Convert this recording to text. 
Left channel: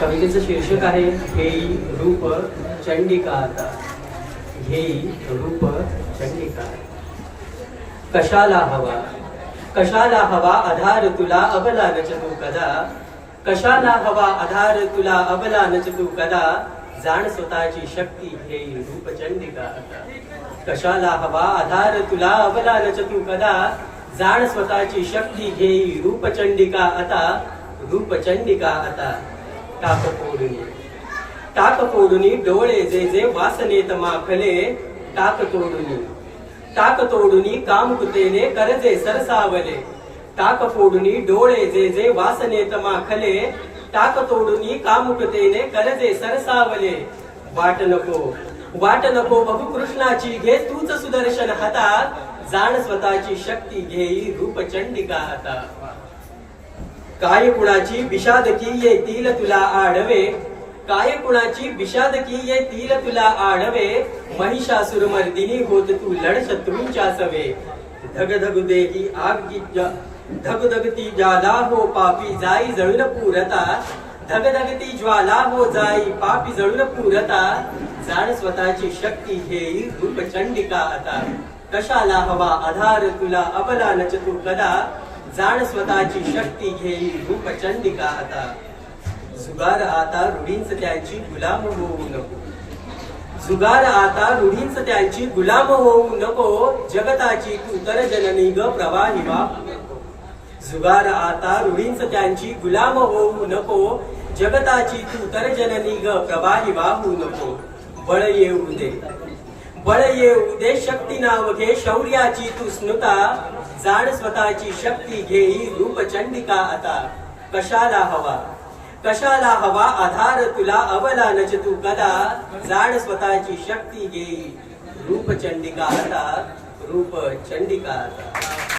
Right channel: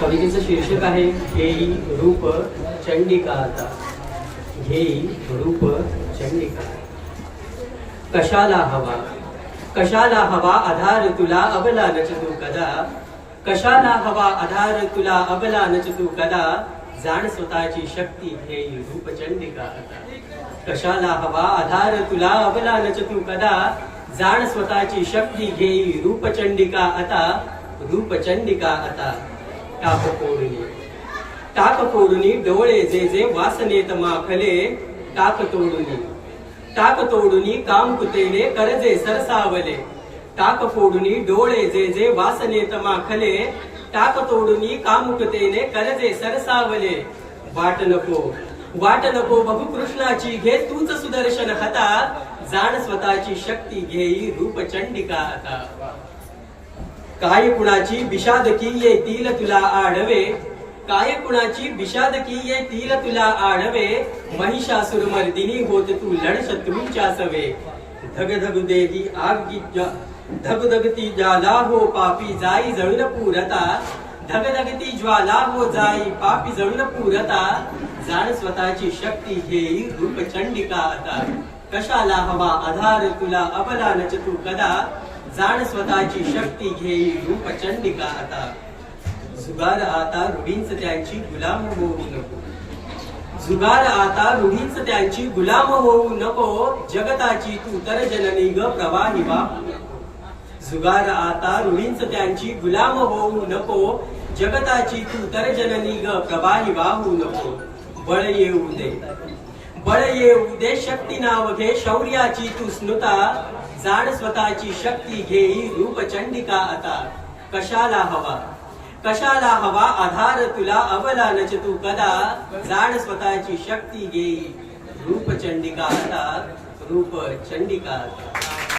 कवितेचं शीर्षक आहे घेई रूप चंडिका आता. घेई रूप चंडिका. कशाला हवा? कशाला हवा आधार तुला अबला नच तू कदा? कशाला हवा आधार तुला अबला नच तू कदा? जाण स्वतःची शक्ती घेई रूप चंडिका आता. कशाला हवा आधार तुला अबला नच तू कदा? जाण स्वतःची शक्ती घेई रूपचंडिका आता? रूपचंडिका आता. टाक फोडुनी टाक फोडुनी डोळे जे जे वासनेत माखले टाक तोडुनी टाक तोडुनी काम कुतेने करजे सरसावले. टाक फोडुनी डोळे जे जे वासनेत माखले टाक तोडुनी कामुकतेने करजे सरसावले. वाट नको वाट नको बघू कृष्णाची घे तूच सुदर्शन हातात जाण स्वतःची शक्ती घेई रूप चंडिका आता. काय कुणाची विषादकी येतील तुला आडवे? काय कुणाची विषादकी येतील तुला आडवे? महिषासुर मर्दिनी होत तू लढ शत्रूंच्या सवे. धग धग देही आग धग धगती ज्वाला हो पापी जाई जळून पुरता. धग धगती ज्वाला हो जाई पापी जळून पुरता. जाण स्वतःची शक्ती घेई रूप चंडिका आता कशाला हवा आधार तुला अबला नच तू कदा? जाण स्वतःची शक्ती घेई रूप चंडिका आता. जुगार आता रूढींच त्यांची गुलाम होऊ नको. जुगार आता रूढींच त्यांची गुलाम होऊ नको. जगताची तू तर जननी ग प्रवाही नको जुगार आता रूढींच त्यांची गुलाम होऊ नको. जगताची तू तर जननी ग प्रवाही वाहू नको. बळ येऊ दे. बळ येऊ दे शक्ती नाव घे शौर्याची तू स्नुता. जाण स्वतःची शक्ती घेई रूप चंडिका आता. कशाला हवा? कशाला हवा? आधार तुला अवला नच तू कदा. जाण स्वतःची शक्ती घेई रूप चंडिका आता. रूप चंडिका आता.